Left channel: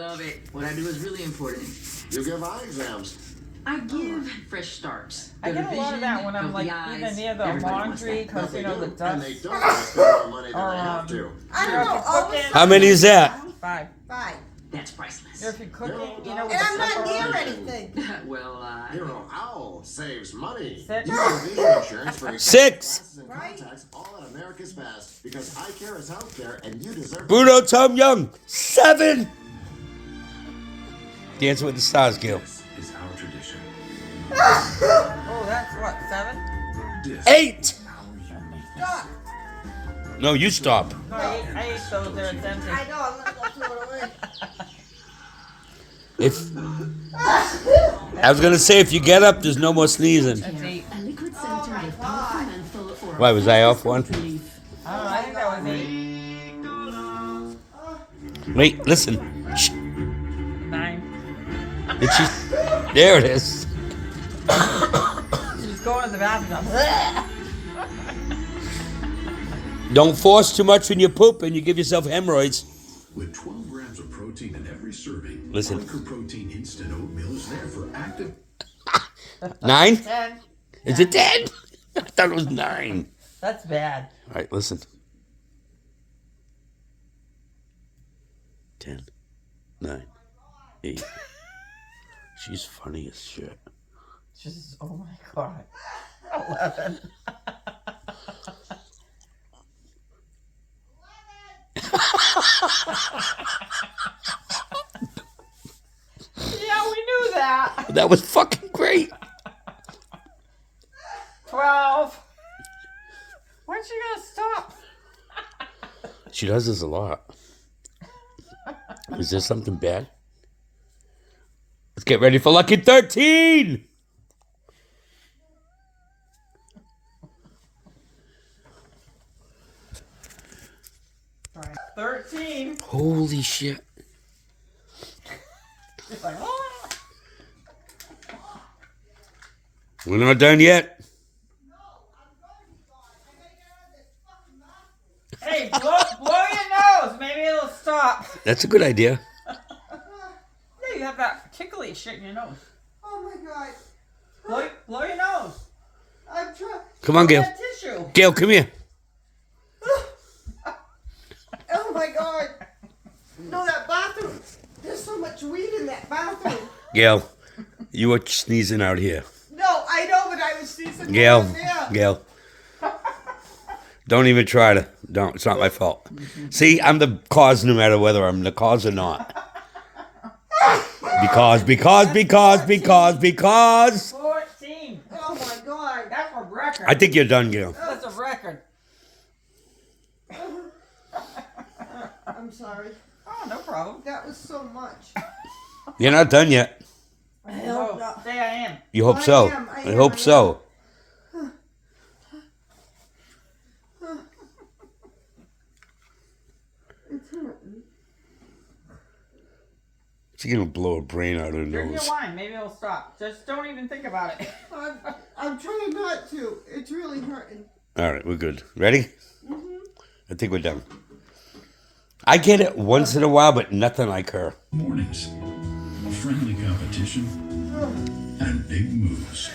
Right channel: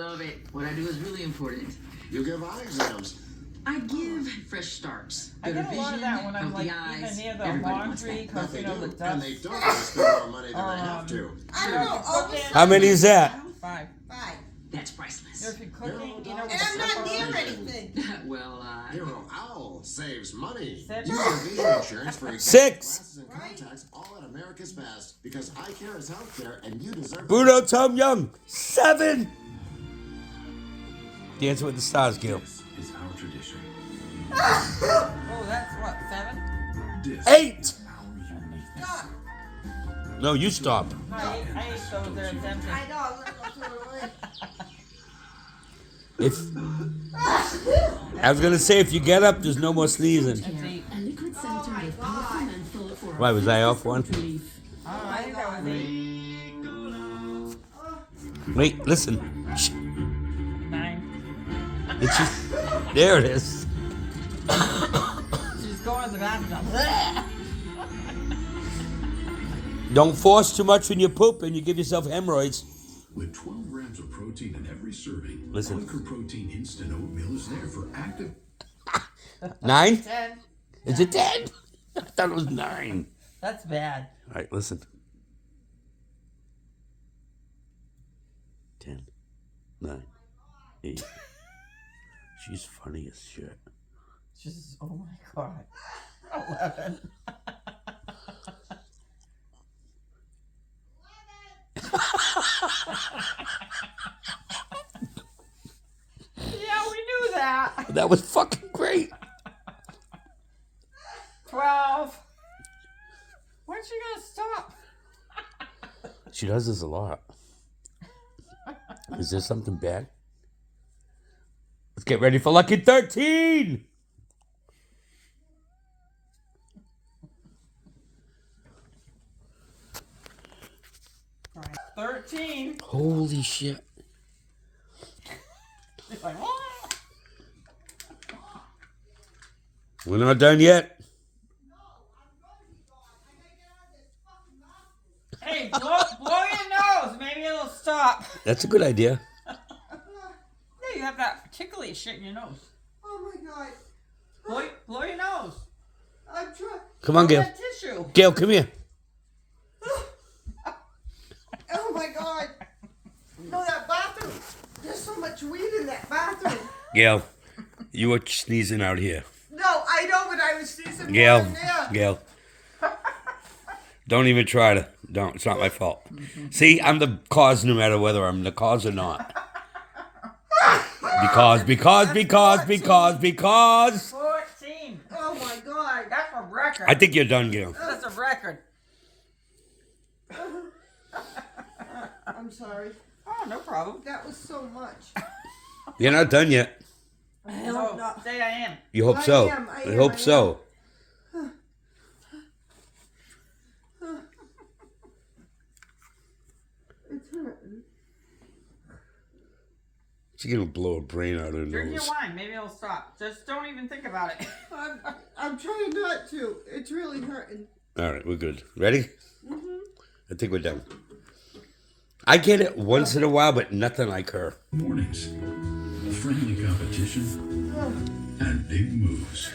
Love it. What I do is really important. You give eye exams. I give fresh starts. I get a lot of that when I'm like even near the laundry because you know the dust. And they don't spend more money than they have to. I don't know. How many is that? 5. That's priceless. If you're cooking, you know. And I'm not near anything. Well, Hero Owl saves money. 6. You get vision insurance for 6. glasses and contacts all at America's Best because eye care is out there and you deserve Bruno Tom Young. 7. Dance with the Stars, Gail. This is our tradition. Oh, that's what, 7? This 8. is our uniqueness. Stop. No, you stop. No, I ate those. They're empty. I know. I'm gonna go throw it away. If I was gonna say, if you get up, there's no more sneezing. That's 8. A liquid center with powerful menthol for Why, was I off one? relief. Oh, I think that was 8. Wait, listen. Shh. 9. Did she? There it is. She's going to the bathroom. Don't force too much when you poop and you give yourself hemorrhoids. With 12 grams of protein in every serving, Listen. Quaker Protein Instant Oatmeal is there for active. 9? 10. Is it 10? I thought it was 9. That's bad. All right, listen. 10, 9, 8. She's funny as shit. Just, oh my god. 11. Yeah, we knew that. That was fucking great. 12. When's she gonna stop? She does this a lot. Is there something bad? Let's get ready for lucky 13. Right. 13. Holy shit. It's like, oh. We're not done yet. Hey, blow your nose. Maybe it'll stop. That's a good idea. Yeah, you have that tickly shit in your nose. Oh my god. Blow your nose. I'm trying. Come on, Gail. That tissue. Gail, come here. Oh my god. No, that bathroom. There's so much weed in that bathroom. Gail, you were sneezing out here. No, I know, but I was sneezing. Gail, down there. Gail. Don't even try to. Don't. It's not my fault. See, I'm the cause no matter whether I'm the cause or not. Because. 14. Oh my god. That's a record. I think you're done, Gail. That's a record. I'm sorry. Oh, no problem. That was so much. You're not done yet. No, say I am. You hope so. I I am, hope I so. It's hurting. She's gonna blow her brain out her Drink your nose. wine. Maybe it'll stop. Just don't even think about it. I'm trying not to. It's really hurting. All right, we're good. Ready? I think we're done. I get it once in a while, but nothing like her. Mornings, friendly competition, and big moves.